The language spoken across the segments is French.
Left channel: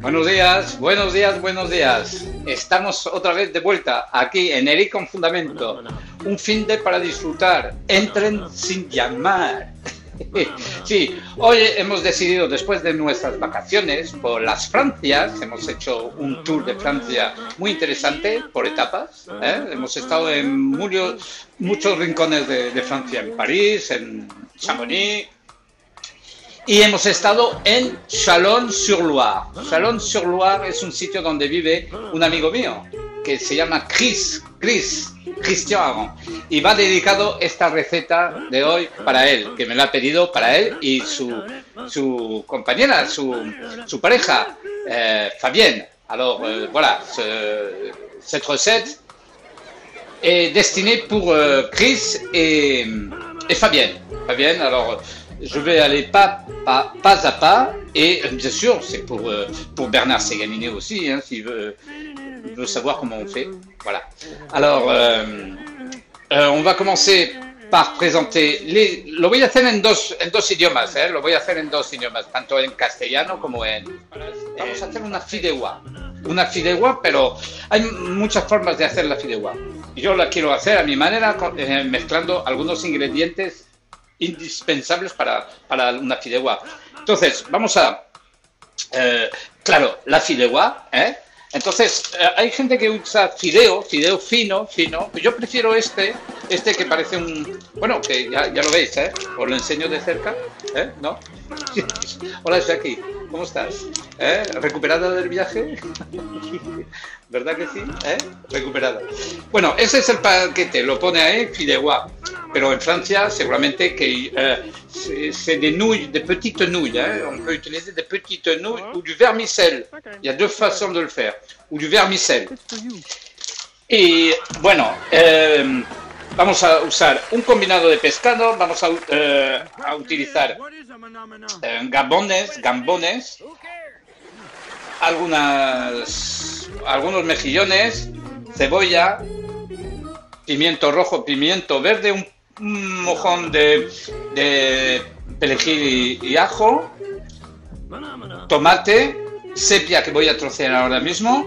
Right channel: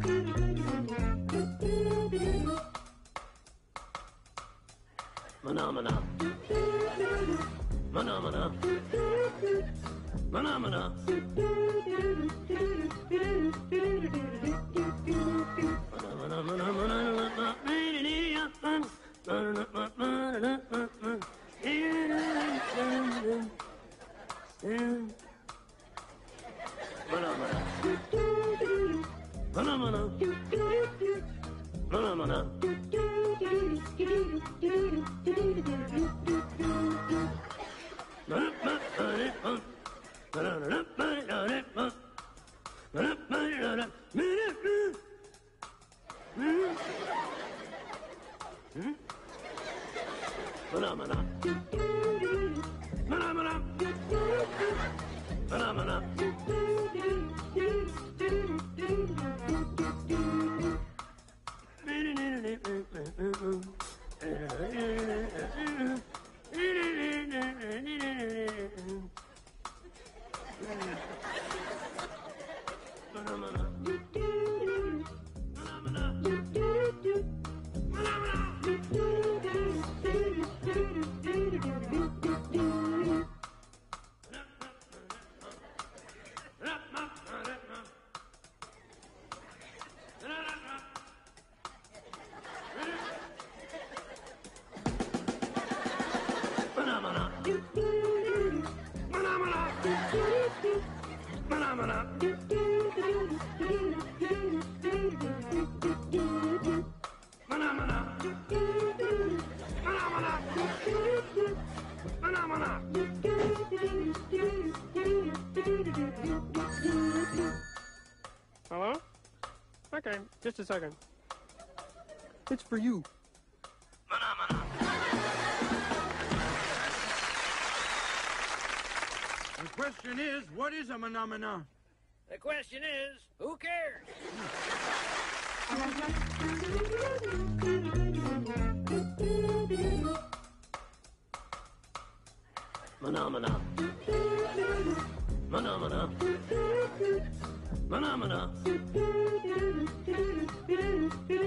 Buenos días, buenos días, buenos días. Estamos otra vez de vuelta aquí en Eric con Fundamento. Un fin de para disfrutar. Entren sin llamar. Sí, hoy hemos decidido, después de nuestras vacaciones por las Francias, hemos hecho un tour de Francia muy interesante por etapas. Hemos estado en muchos rincones de Francia, en París, en Chamonix. Y hemos estado en Chalon-sur-Loire. Chalon-sur-Loire es un sitio donde vive un amigo mío que se llama Christian, y va dedicado esta receta de hoy para él, que me la ha pedido para él y su compañera, su pareja, Fabienne. Alors voilà, cette recette est destinée pour Chris et Fabienne. Fabienne, alors je vais aller pas à pas, et bien sûr c'est pour Bernard Ségalini aussi, hein, s'il veut savoir comment on fait. Voilà. Alors on va commencer par présenter lo voy a hacer en dos idiomas, lo voy a hacer en dos idiomas, tanto en castellano como en... Vamos a hacer una fideuà, pero hay muchas formas de hacer la fideuà. Yo la quiero hacer a mi manera, mezclando algunos ingredientes indispensables para una fideuà. Entonces, vamos a... claro, la fideuà, Entonces, hay gente que usa fideo fino. Yo prefiero este que parece un... Bueno, que ya lo veis, os lo enseño de cerca, ¿no? Hola, Jackie, ¿cómo estás? ¿Recuperada del viaje? ¿Verdad que sí? Recuperada. Bueno, ese es el paquete, lo pone ahí, fideuà. Pero en Francia, seguramente que c'est des nouilles, des petites nouilles. On peut utiliser des petites nouilles ou du vermicelle. Il y a deux façons de le faire. Ou du vermicelle. Y bueno, vamos a usar un combinado de pescado, vamos a utilizar gambones, algunos mejillones, cebolla, pimiento rojo, pimiento verde, un mojón de perejil y ajo, tomate, sepia que voy a trocear ahora mismo,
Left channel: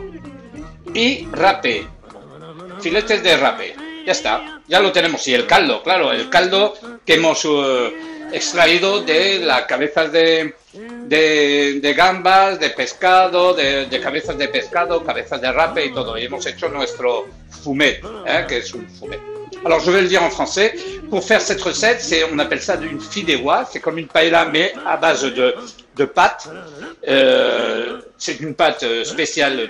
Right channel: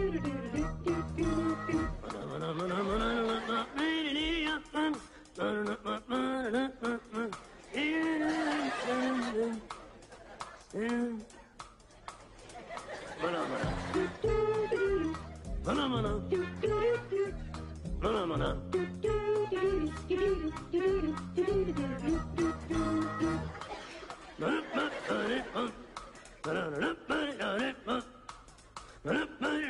y rape, filetes de rape. Ya está, ya lo tenemos. Y el caldo, claro, el caldo que hemos extraído de las cabezas de gambas, de pescado, de cabezas de pescado, cabezas de rape y todo. Y hemos hecho nuestro fumet, que es un fumet. Alors je vais le dire en français. Pour faire cette recette, on appelle ça une fideuà. C'est comme une paella mais à base de pâte. C'est une pâte spéciale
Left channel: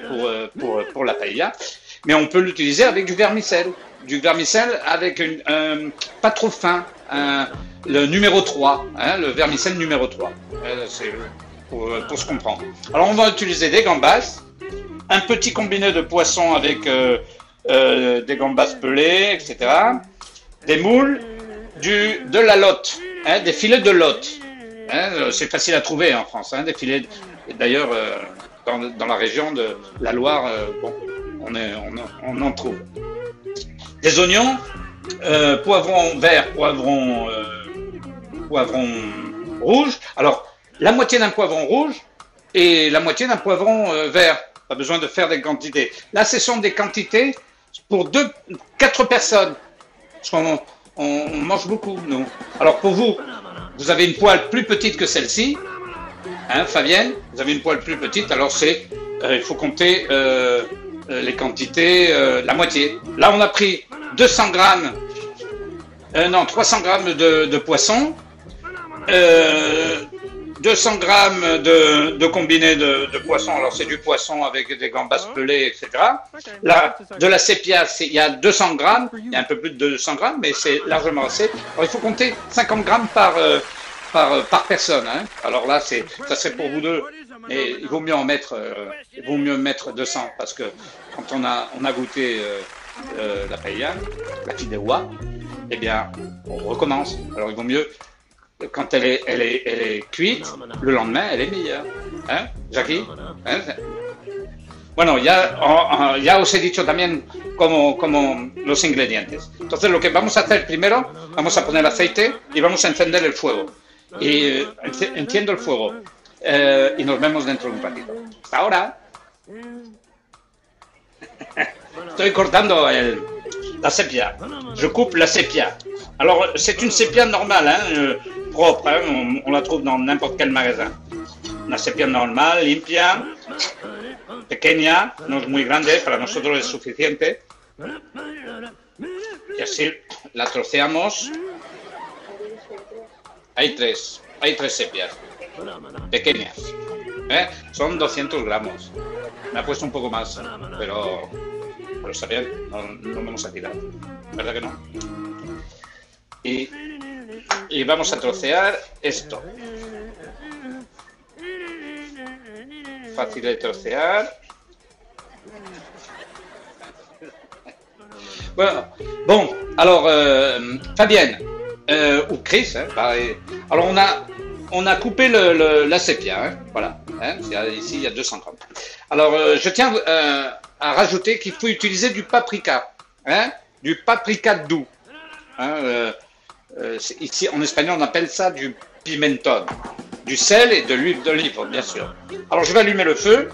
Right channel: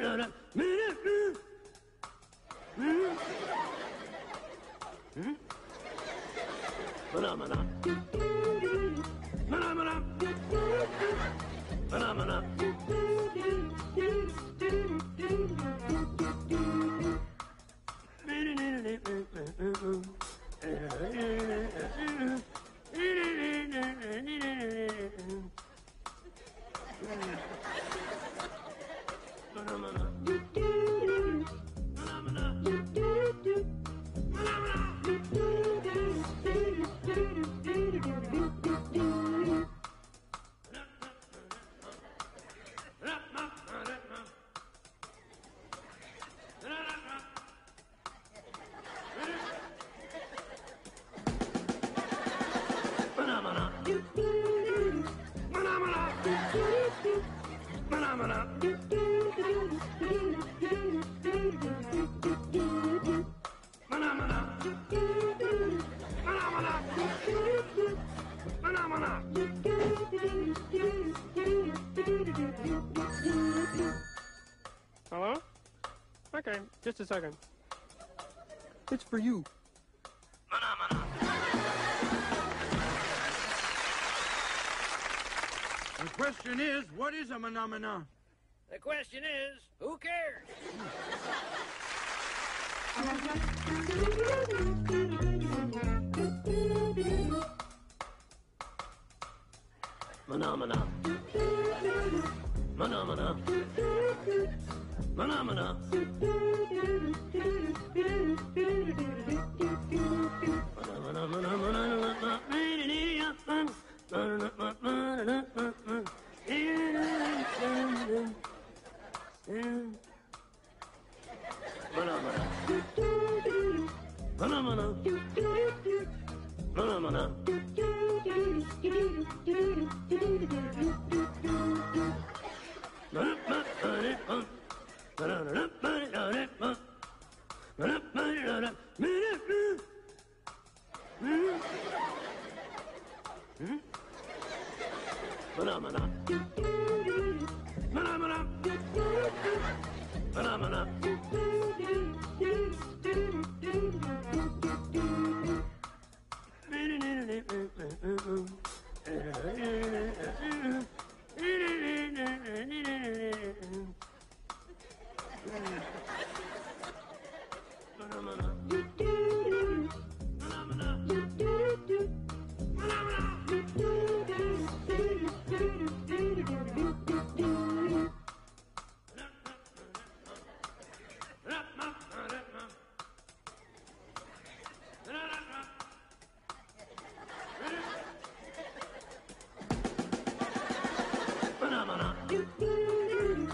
pour la paella. Mais on peut l'utiliser avec du vermicelle. Du vermicelle avec pas trop fin, le numéro 3, le vermicelle numéro 3, c'est pour se comprendre. Alors on va utiliser des gambas, un petit combiné de poissons avec des gambas pelées, etc. Des moules, de la lotte, des filets de lotte. C'est facile à trouver en France, des filets, d'ailleurs dans la région de la Loire, on en trouve. Des oignons, poivrons verts, poivrons rouges. Alors, la moitié d'un poivron rouge et la moitié d'un poivron vert. Pas besoin de faire des quantités. Là, ce sont des quantités pour 4 personnes. Parce qu'on mange beaucoup, nous. Alors, pour vous, vous avez une poêle plus petite que celle-ci. Fabienne, vous avez une poêle plus petite. Alors, il faut compter les quantités, la moitié. Là, on a pris 300 grammes de poisson, 200 grammes de combiné de poisson. Alors c'est du poisson avec des gambas pelées, etc. Là, de la sépia, il y a 200 grammes, il y a un peu plus de 200 grammes, mais c'est largement assez. Alors il faut compter 50 grammes par personne. Hein. Alors là, ça serait pour vous deux. Et il vaut mieux en mettre, mettre 200 parce que quand on a goûté la paella, la fideuà, eh bien, on recommence. Alors il vaut mieux. Quand elle est cuite, le lendemain, elle est meilleure. ¿Eh, Jackie? Bueno, ya os he dicho también como los ingredientes. Entonces, lo que vamos a hacer primero, vamos a poner aceite y vamos a encender el fuego. Y enciendo el fuego y nos vemos dentro de un ratito. Hasta ahora. Estoy cortando la sépia. Je coupe la sépia. Alors, c'est une sépia normale, hein, propre, hein, on la trouve dans n'importe quel magasin. Una sépia normal, limpia, pequeña, no es muy grande, para nosotros es suficiente. Y así la troceamos. Hay tres sepias, pequeñas. Son 200 gramos. Me ha puesto un poco más, pero está bien, no vamos a tirar. ¿Verdad que no? Y vamos a trocear esto. Fácil de trocear. Bueno, bon, alors, Fabienne, ou Chris, hein, pareil. Alors on a coupé la sépia, hein, voilà. Hein, ici il y a 200 grammes. Alors je tiens à rajouter qu'il faut utiliser du paprika, hein, du paprika doux. Hein, ici en espagnol on appelle ça du pimentón, du sel et de l'huile d'olive bien sûr. Alors je vais allumer le feu.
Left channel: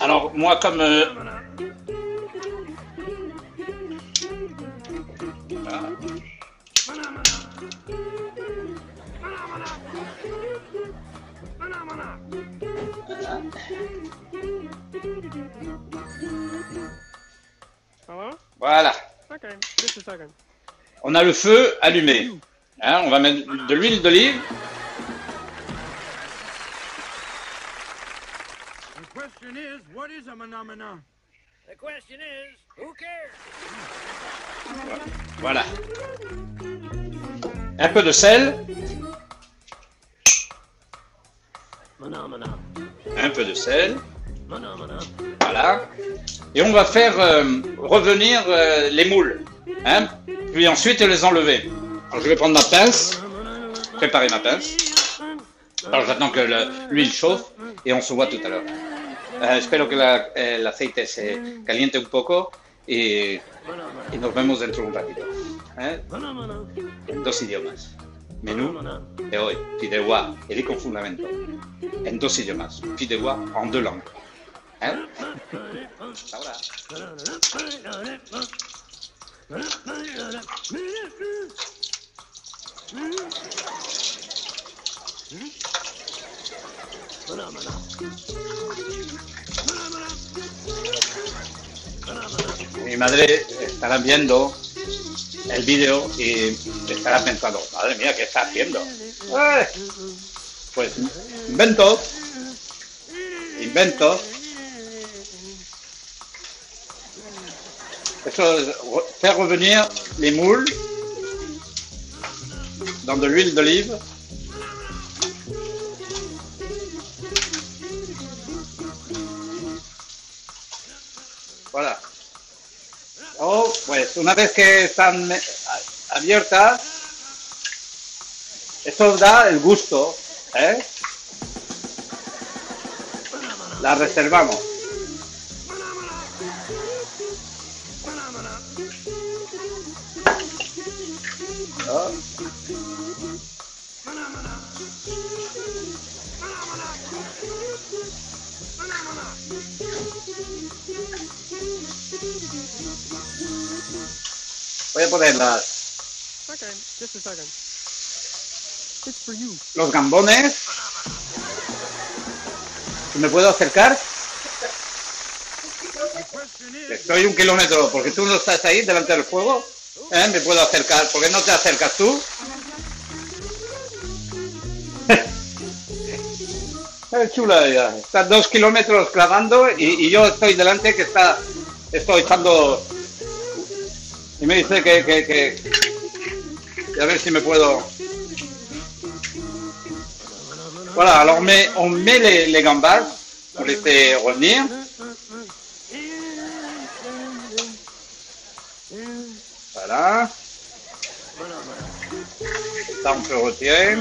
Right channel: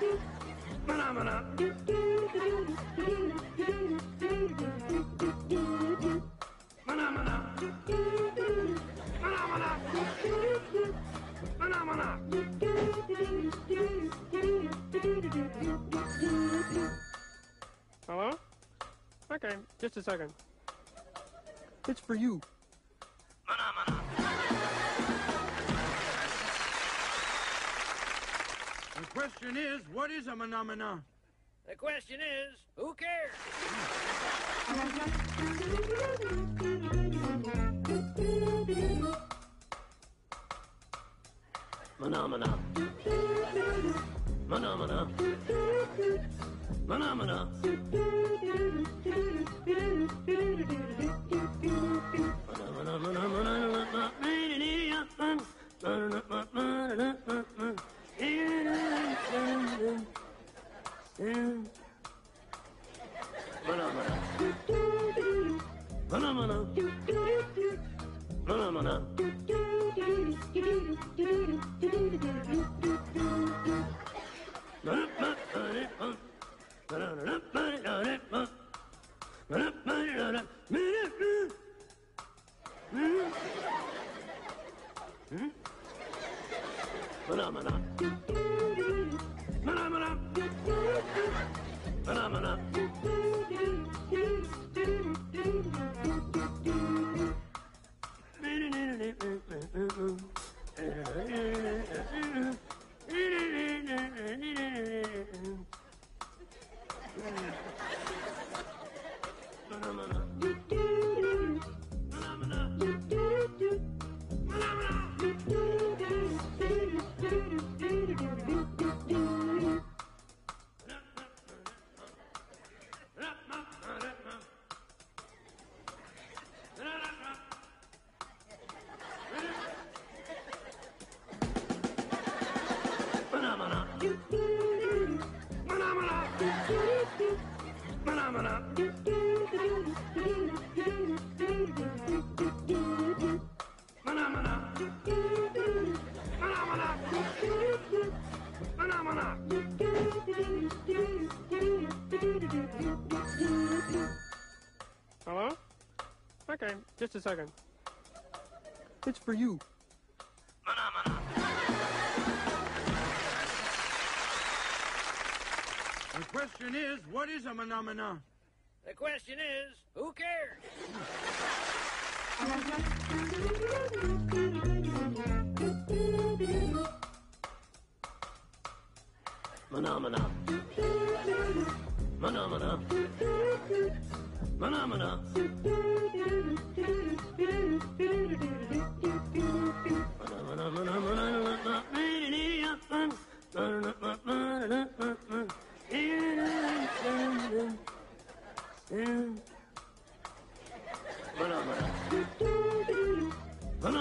Alors moi comme voilà. On a le feu allumé. Hein, on va mettre de l'huile d'olive. Voilà. Un peu de sel. Un peu de sel. Voilà. Et on va faire revenir les moules. Hein, puis ensuite les enlever. Alors, je vais prendre ma pince. Préparer ma pince. Alors j'attends que l'huile chauffe et on se voit tout à l'heure. Espero que el aceite se caliente un poco y nos vemos dentro de un ratito. En dos idiomas. Menú de hoy, fideuà et les confondamento. En dos idiomas, fideuà en deux langues. Ahora. Mi madre estará viendo el vídeo y estará pensando, madre mía, ¿qué está haciendo? Pues invento. Eso es faire revenir les moules dans de l'huile d'olive. Voilà. Oh, pues una vez que están abiertas, esto da el gusto, ¿eh? La reservamos. Voy a ponerlas. Okay, just a second. It's for you. Los gambones. ¿Me puedo acercar? Estoy 1 kilómetro, porque tú no estás ahí delante del fuego. ¿Me puedo acercar? ¿Por qué no te acercas tú? Es chula ella. Está 2 kilómetros clavando y yo estoy delante que estoy echando y me dice que a ver si me puedo. Voilà, alors on met les gambas, on les fait revenir. Voilà. Ça on peut retirer.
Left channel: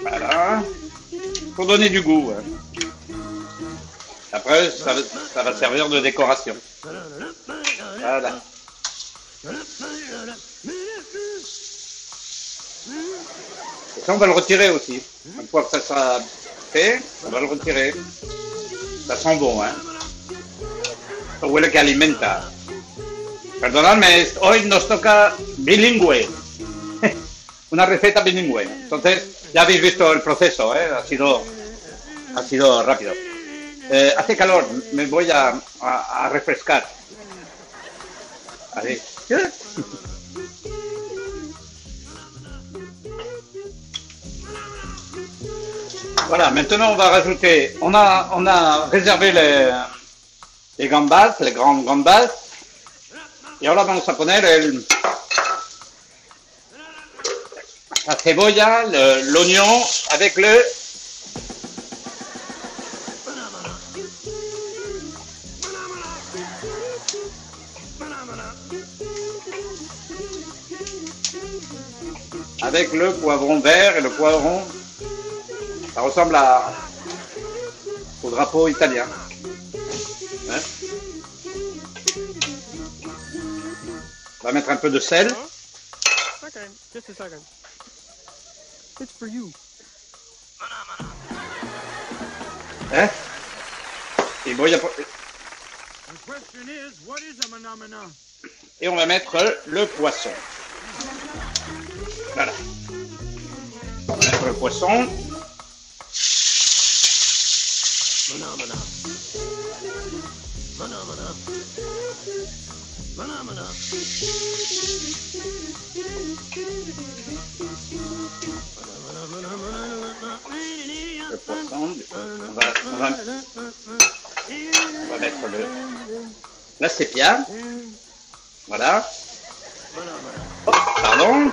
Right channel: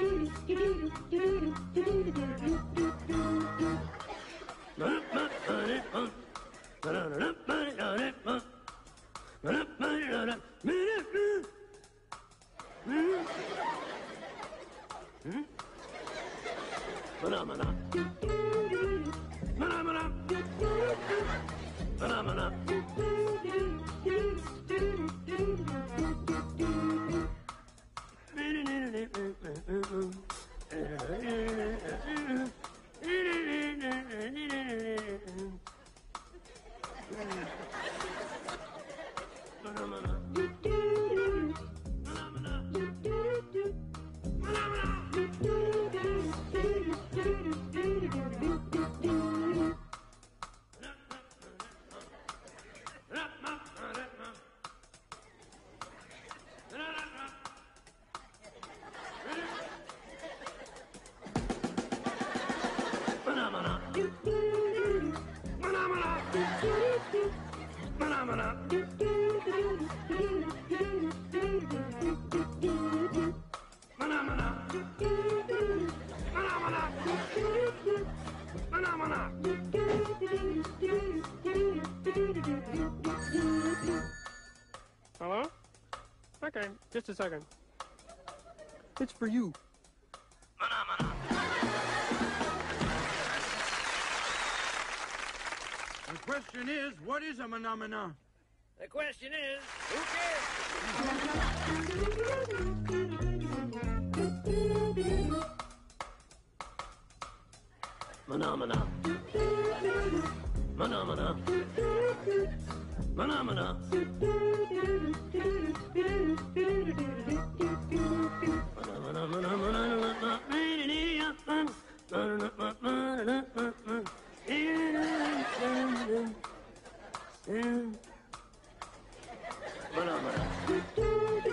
Voilà. Pour donner du goût. Après, ça va servir de décoration. Voilà. Ça, on va le retirer aussi. Une fois que ça sera fait, on va le retirer. Ça sent bon, hein. Huele que alimenta. Perdonadme, hoy nos toca bilingüe. Una receta bilingüe. Entonces, ya habéis visto el proceso, ¿eh? Ha sido rápido. Hace calor, me voy a refrescar. Allez. Voilà, maintenant on va rajouter, on a réservé les gambas, les grandes gambas. Y ahora vamos a poner la cebolla, l'oignon avec le poivron vert et le poivron. Ça ressemble au drapeau italien. Hein? On va mettre un peu de sel. Okay, just a second. It's for you. Hein? Et bon, et on va mettre le poisson. Voilà. On va mettre le poisson. Là c'est bien. Voilà. Oh, pardon.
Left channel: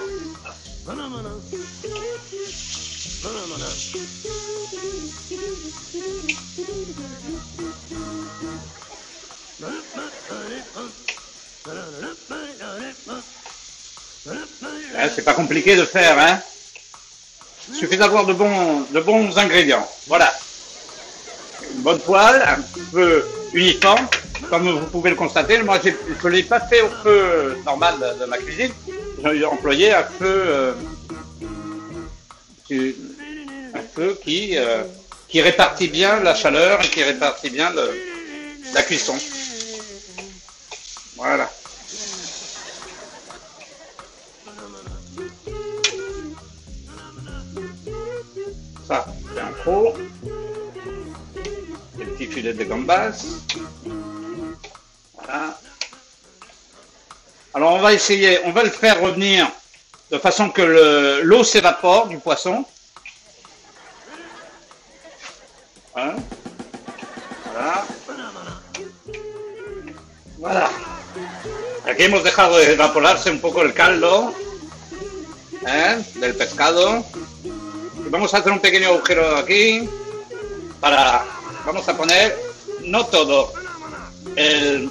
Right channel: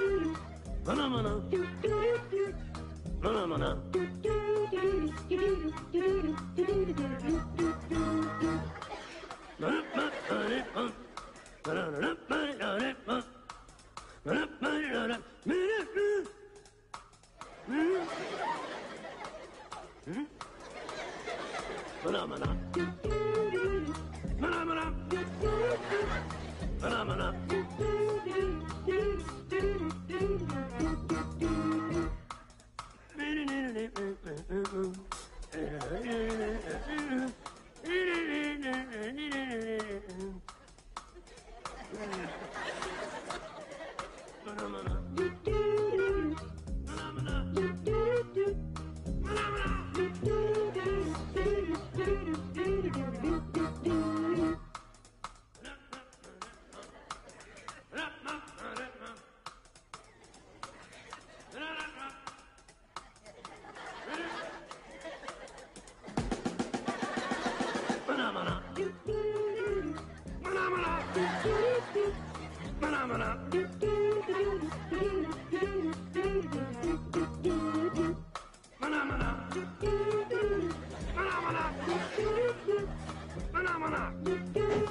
C'est pas compliqué de faire, hein. Il suffit d'avoir de bons ingrédients. Voilà. Une bonne poêle, un peu uniforme, comme vous pouvez le constater. Moi, je ne l'ai pas fait au feu normal de ma cuisine. J'ai employé un feu qui répartit bien la chaleur et qui répartit bien la cuisson. Voilà. Ça, c'est un pot. Des petits filets de gambas. Voilà. Alors on va essayer, on va le faire revenir de façon que l'eau s'évapore du poisson. Voilà. Voilà. Aquí hemos dejado de evaporarse un poco el caldo del pescado. Vamos a hacer un pequeño agujero aquí vamos a poner, no todo, el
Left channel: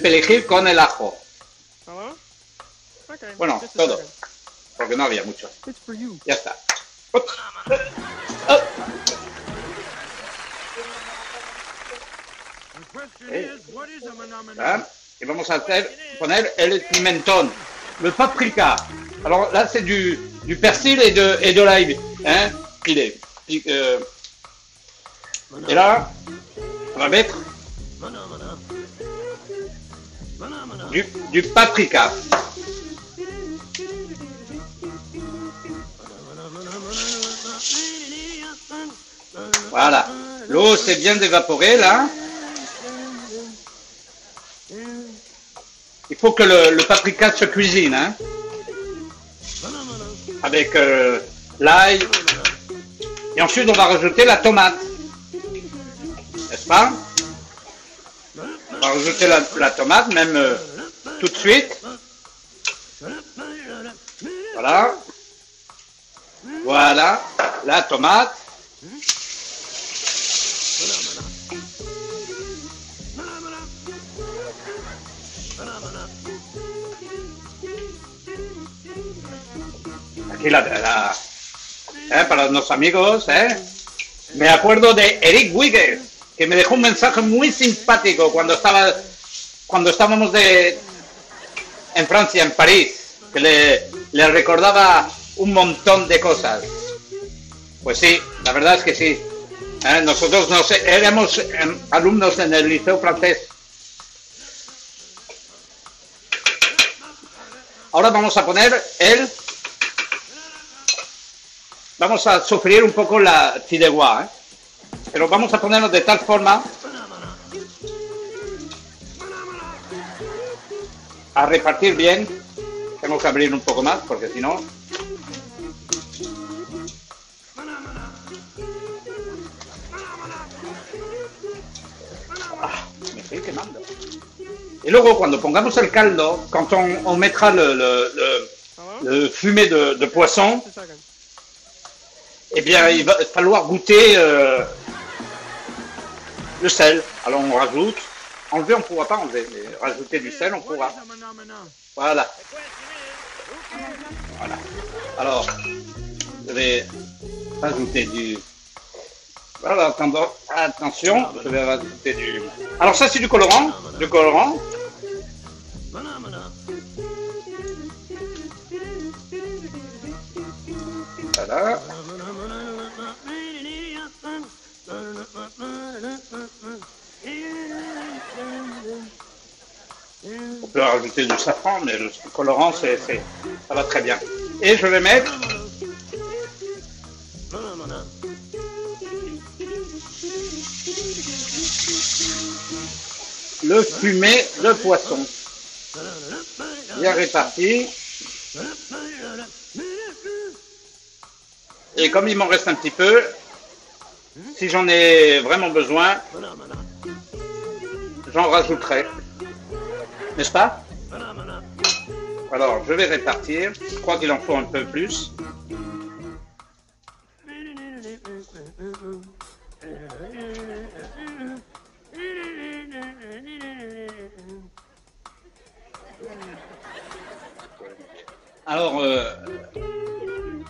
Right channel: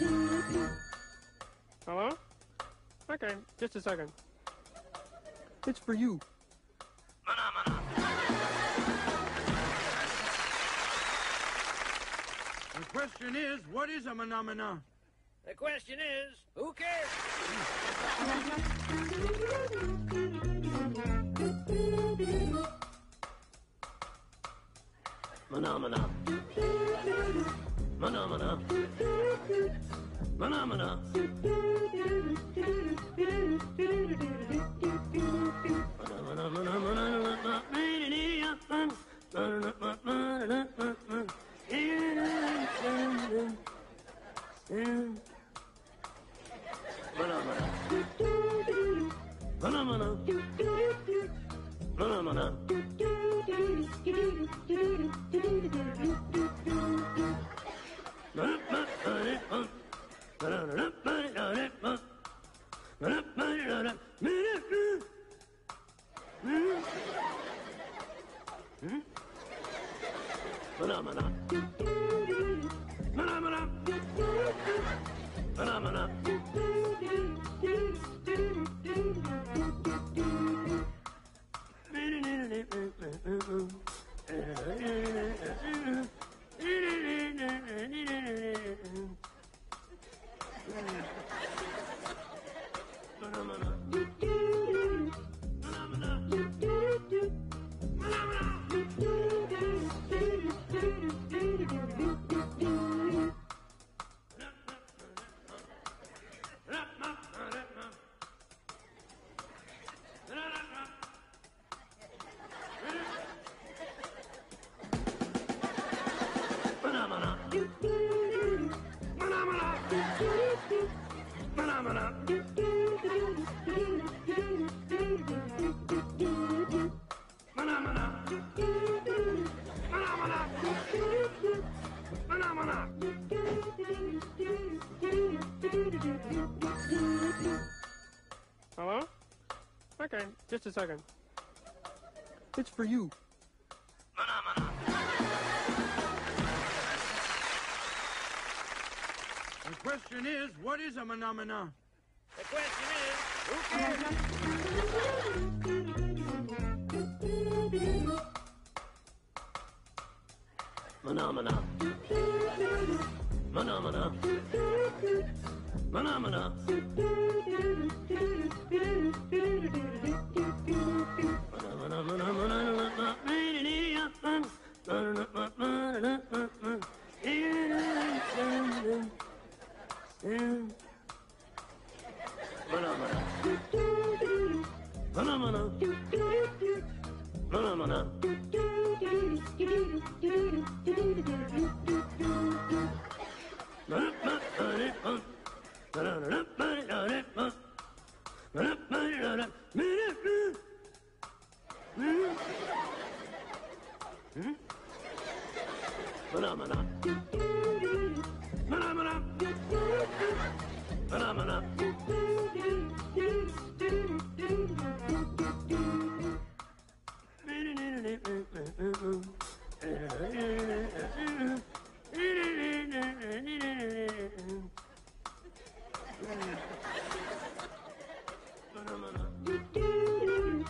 perejil con el ajo. Okay, bueno, todo, porque no había mucho. It's for you. Ya está. Y vamos a poner el pimentón, le paprika. Alors là c'est du persil et de l'ail, hein, pilé. Et là, on va mettre du paprika. Voilà, l'eau s'est bien évaporée là. il faut que le paprika se cuisine, hein, avec l'ail. Et ensuite, on va rajouter la tomate, n'est-ce pas? On va rajouter la tomate, même tout de suite. Voilà. Voilà, la tomate. Aquí para los amigos, Me acuerdo de Eric Wigges, que me dejó un mensaje muy simpático cuando estábamos en Francia, en París, que le recordaba un montón de cosas. Pues sí, la verdad es que sí. Nosotros éramos alumnos en el liceo francés. Ahora vamos a poner vamos a sofreír un poco la fideuà, pero vamos a ponerlo de tal forma a repartir bien. Tengo que abrir un poco más porque si no... me estoy quemando. Y luego cuando pongamos el caldo, quand on mettra le fumé de poisson, eh bien il va falloir goûter le sel. Alors on rajoute. Enlever, on ne pourra pas enlever, mais rajouter du sel, on pourra. Voilà. Voilà. Alors, je vais rajouter du... Voilà, attention, je vais rajouter du... Alors ça, c'est du colorant. Du colorant. Voilà. On peut rajouter du safran, mais le colorant, ça va très bien. Et je vais mettre le fumé de poisson. Bien réparti. Et comme il m'en reste un petit peu, si j'en ai vraiment besoin, j'en rajouterai. N'est-ce pas? Alors, je vais répartir. Je crois qu'il en faut un peu plus. Alors,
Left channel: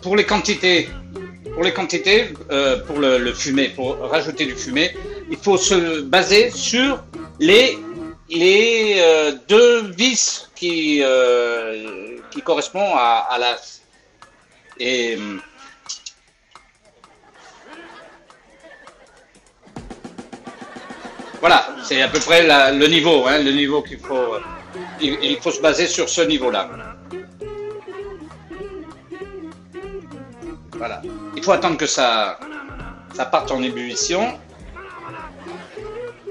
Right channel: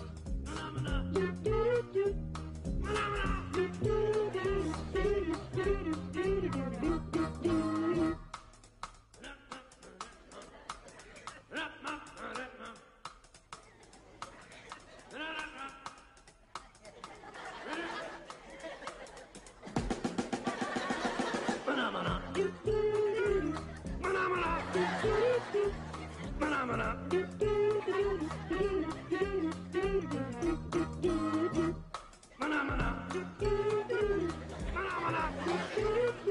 pour les quantités, pour le fumé, pour rajouter du fumé, il faut se baser sur les deux vis qui correspondent à l'as. Et voilà, c'est à peu près le niveau, le niveau qu'il faut. Il faut se baser sur ce niveau-là. Voilà. Il faut attendre que ça parte en ébullition.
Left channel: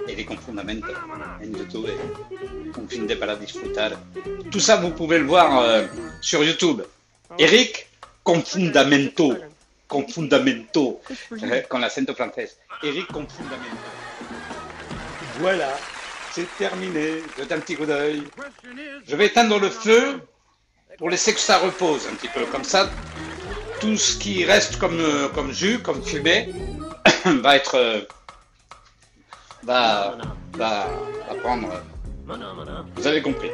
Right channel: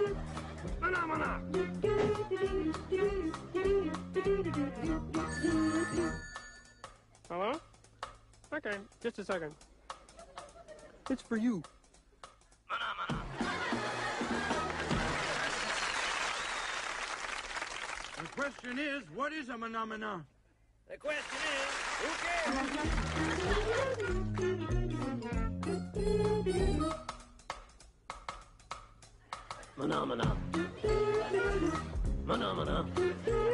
Et les confondamento en YouTube, un fin de para disfrutar. Tout ça, vous pouvez le voir sur YouTube. Eric Confundamento. Confundamento. Con l'accento français. Eric Confundamento. Voilà, c'est terminé. Jetez un petit coup d'œil. Je vais éteindre le feu pour laisser que ça repose un petit peu. Comme ça, tout ce qui reste comme jus, comme fumée, va être... va prendre... Vous avez compris.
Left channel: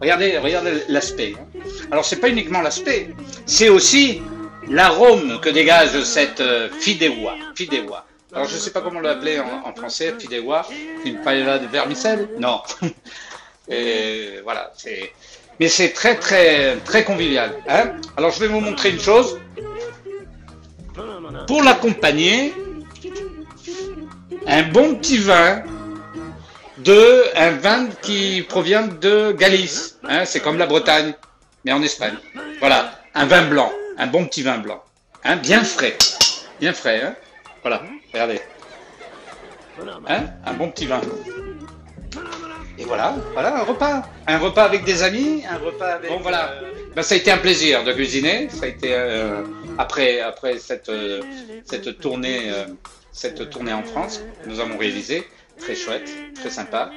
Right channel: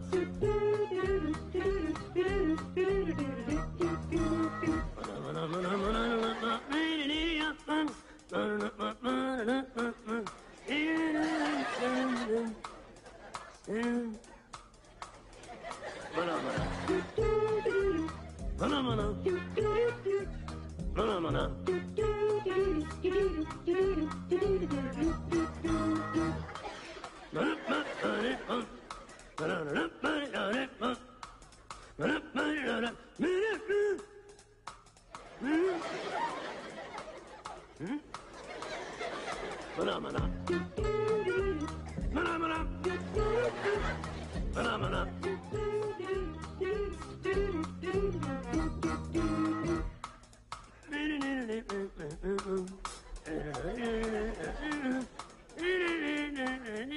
Regardez l'aspect. Alors c'est pas uniquement l'aspect, c'est aussi l'arôme que dégage cette fideuà. Alors je sais pas comment l'appeler en français, fideuà, une paella de vermicelle? Non. Et voilà, mais c'est très très très convivial. Alors je vais vous montrer une chose. Pour l'accompagner, un bon petit vin, un vin qui provient de Galice. C'est comme la Bretagne, mais en Espagne. Voilà, un vin blanc, un bon petit vin blanc, bien frais, Voilà, regardez. Un bon petit vin. Et voilà. voilà, un repas avec des amis, un repas avec... Bon voilà, ben, ça a été un plaisir de cuisiner, ça a été après cette tournée en France que nous avons réalisée, très chouette, très sympa.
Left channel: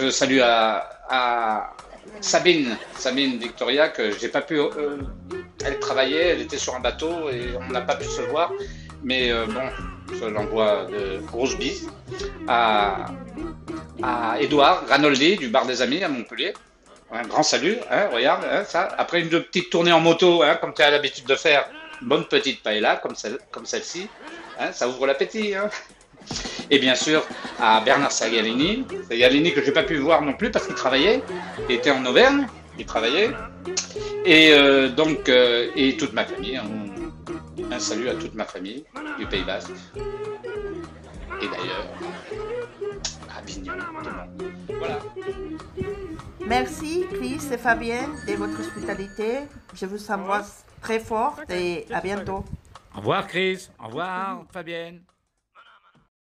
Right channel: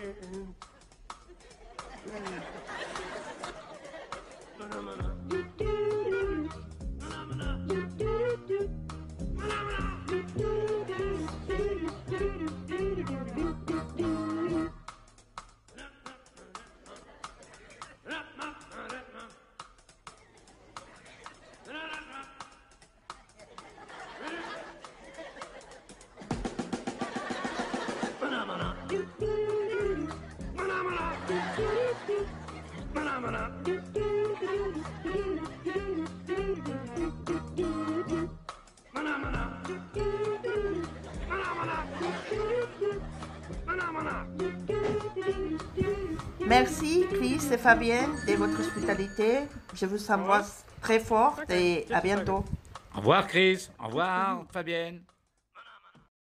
Je salue à Sabine Victoria, que j'ai pas pu. Elle travaillait, elle était sur un bateau et on n'a pas pu se voir. Mais bon, je l'envoie de grosses bises. À Édouard Ranoldi du Bar des Amis à Montpellier. Un grand salut, hein, regarde, hein, ça. Après une petite tournée en moto, hein, comme tu as l'habitude de faire, une bonne petite paella comme celle-ci, hein, ça ouvre l'appétit. Hein. Et bien sûr à Bernard Sagalini que je n'ai pas pu voir non plus parce qu'il travaillait, il était en Auvergne, il travaillait, et donc et toute ma famille, un salut à toute ma famille du Pays Basque, et d'ailleurs à Pignon. Voilà. Merci Chris et Fabienne de votre hospitalité. Je vous embrasse très fort et à bientôt. Au revoir Chris, au revoir Fabienne.